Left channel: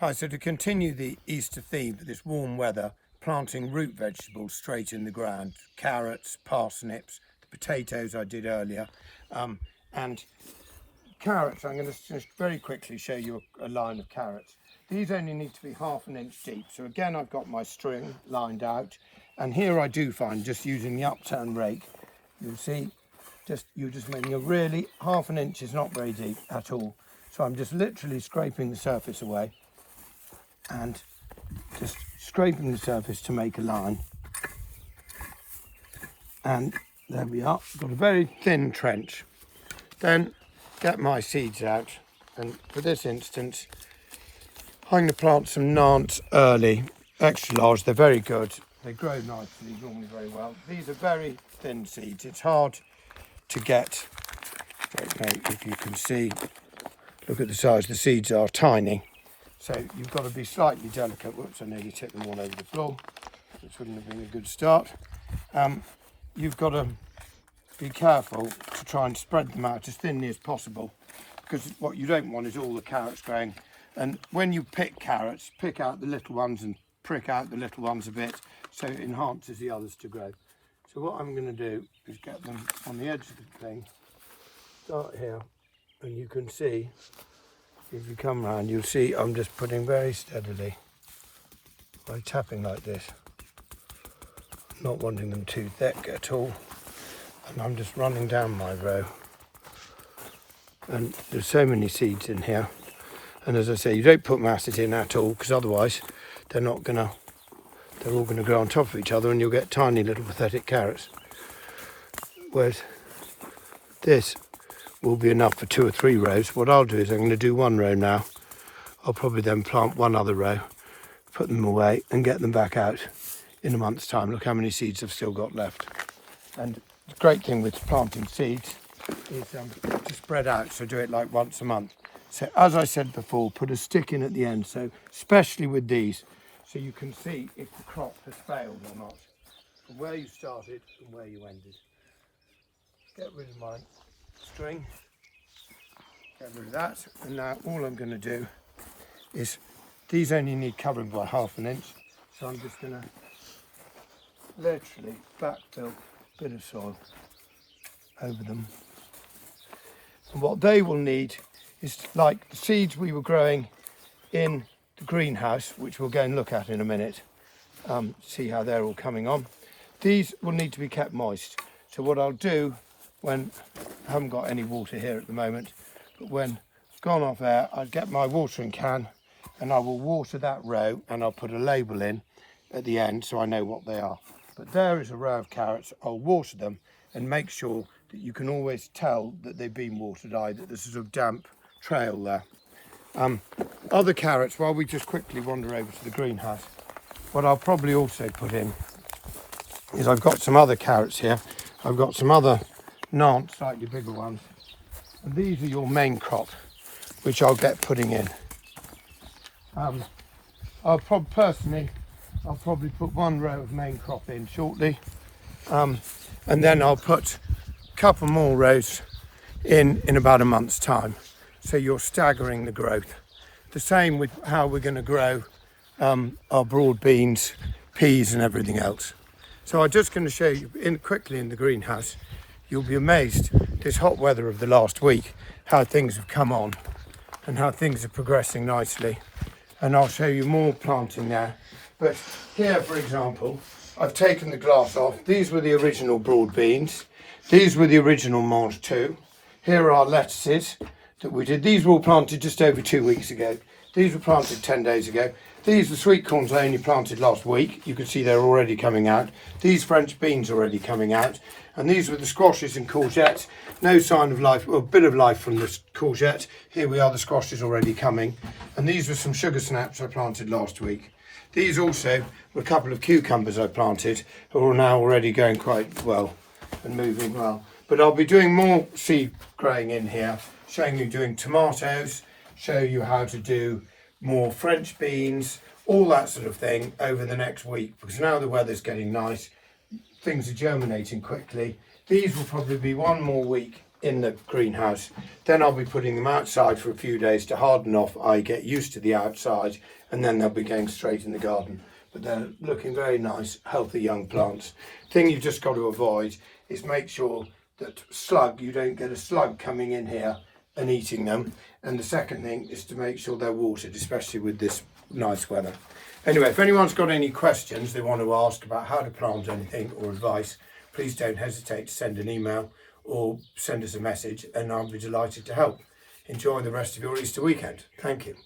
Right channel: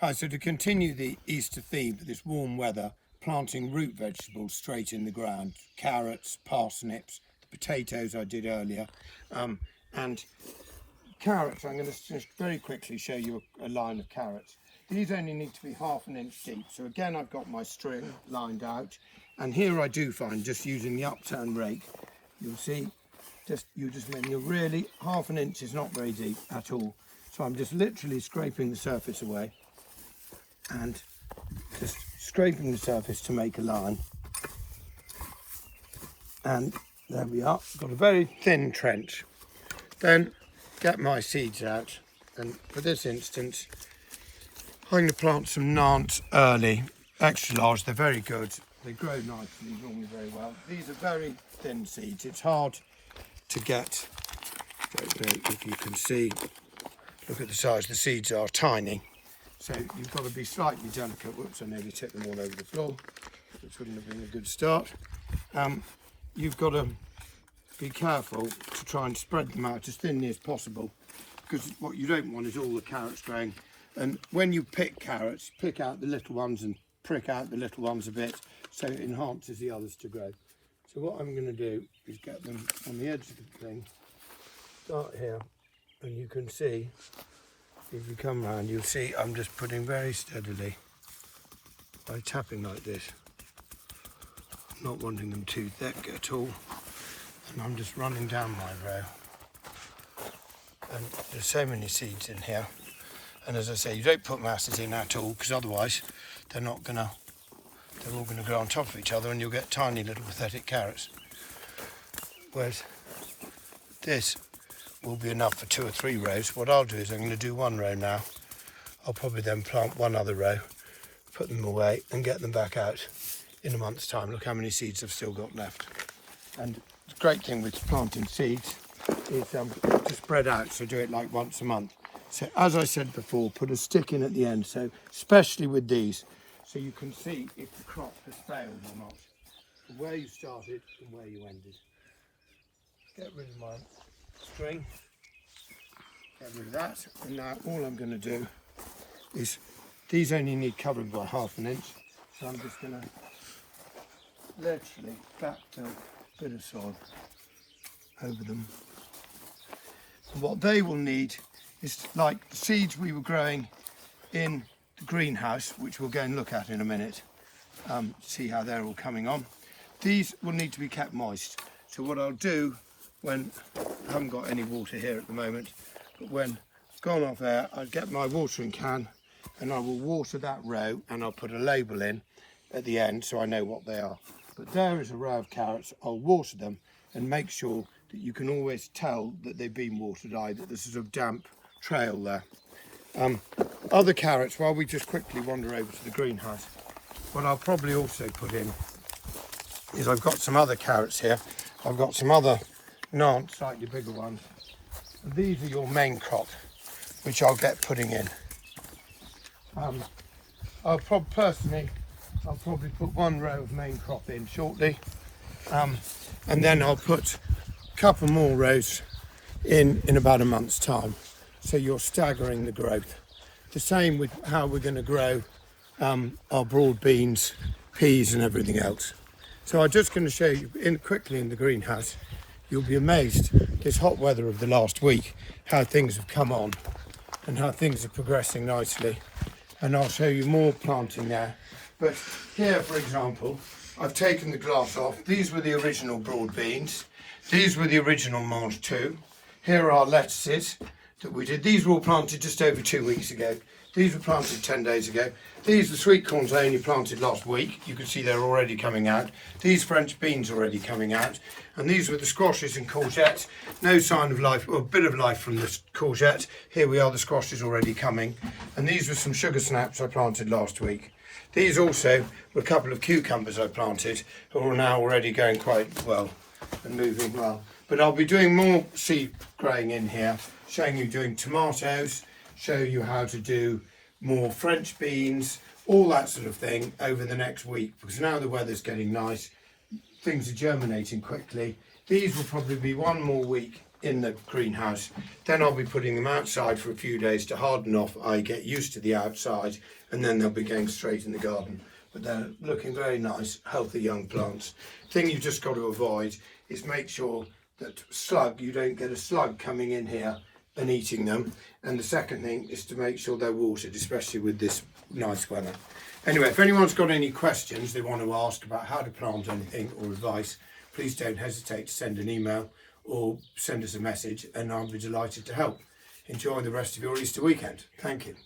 Hi, so to continue the Easter theme with this warm weather, planting root vegetables straight in the ground, carrots, parsnips, the potatoes I did earlier, and carrots. I'm going to just very quickly show you a line of carrots. These only need to be ½ inch deep. So again, I've got my string lined out, and here I do find, just using the upturn rake, you see, you're just making a really, ½ inch is not very deep at all. So I'm just literally scraping the surface away and just scraping the surface to make a line. And there we are, got a very thin trench. Then get my seeds out, and for this instance I'm going to plant some Nantes early, extra large. They're very good, they grow nicely, normally very well. These are very thin seeds, it's hard to get. Don't know if you can see, look at the size, the seeds are tiny. So you've got to be slightly delicate. Whoops, I nearly tipped them all over the floor, which wouldn't have been a good start. You've got to be careful to try and spread them out as thinly as possible, because what you don't want is all the carrots growing. And when you pick carrots, pick out the little ones and prick out the little ones a bit, so it enhances the others to grow. So what I'm going to do is get them on the edge of the thing, start here, and you can see, if you come round, you'll see I'm just putting very steadily by tapping like this, not wanting them too thick at all, and I'm just running down my row. And there's so many seeds in here, and as I say, you don't put masses in at all, because otherwise they're all going to grow on top of each other and you'll get tiny little pathetic carrots. Whereas this will be enough for 2 or 3 rows. What I'll do is I'm going to do 1 row now. I'll probably then plant 1 other row, put them away and get them back out in a month's time. Look how many seeds I've still got left. And the great thing with planting seeds is to spread out, so do it like once a month. So as I said before, put a stick in at the end, so especially with these, so you can see if the crop has failed or not, from where you started and where you ended. Get rid of my string, get rid of that, and now all I'm going to do is, these only need covering by ½ inch, so I'm just going to literally backfill a bit of soil over them. And what they will need is, like the seeds we were growing in the greenhouse, which we'll go and look at in a minute, see how they're all coming on. These will need to be kept moist. So what I'll do, when I haven't got any water here at the moment, but when it's gone off air, I'll get my watering can and I will water that row, and I'll put a label in at the end so I know what they are. But there is a row of carrots. I'll water them and make sure that you can always tell that they've been watered, that there's a sort of damp trail there. Other carrots, while we just quickly wander over to the greenhouse, what I'll probably also put in is, I've got some other carrots here. I've got some other Nantes, slightly bigger ones. And these are your main crop, which I'll get putting in. I'll probably put 1 row of main crop in shortly, and then I'll put a couple more rows in about a month's time. So you're staggering the growth. The same with how we're going to grow our broad beans, peas and everything else. So I'm just going to show you quickly in the greenhouse. You'll be amazed, this hot weather of the last week, how things have come on and how things are progressing nicely. And I'll show you more planting there. But here, for example, I've taken the glass off. These were the original broad beans. These were the original Mange 2. Here are our lettuces that we did. These were all planted just over 2 weeks ago. These were planted 10 days ago. These were sweet corns I only planted last week. You can see they're already coming out. These French beans are already coming out. And these were the squashes and courgettes. No sign of life, well, a bit of life from this courgette. Here we are, the squashes already coming. And these were some sugar snaps I planted last week. These also were a couple of cucumbers I planted, who are now already going quite well and moving well. But I'll be doing more seed growing in here, showing you doing tomatoes, show you how to do more French beans, all that sort of thing over the next week, because now the weather's getting nice, things are germinating quickly. These will probably be 1 more week in the greenhouse. Then I'll be putting them outside for a few days to harden off. I get used to the outside, and then they'll be going straight in the garden. But they're looking very nice, healthy young plants. Thing you've just got to avoid is make sure that you don't get a slug coming in here and eating them. And the second thing is to make sure they're watered, especially with this nice weather. Anyway, if anyone's got any questions they want to ask about how to plant anything or advice, please don't hesitate to send an email or send us a message, and I'll be delighted to help. Enjoy the rest of your Easter weekend. Thank you.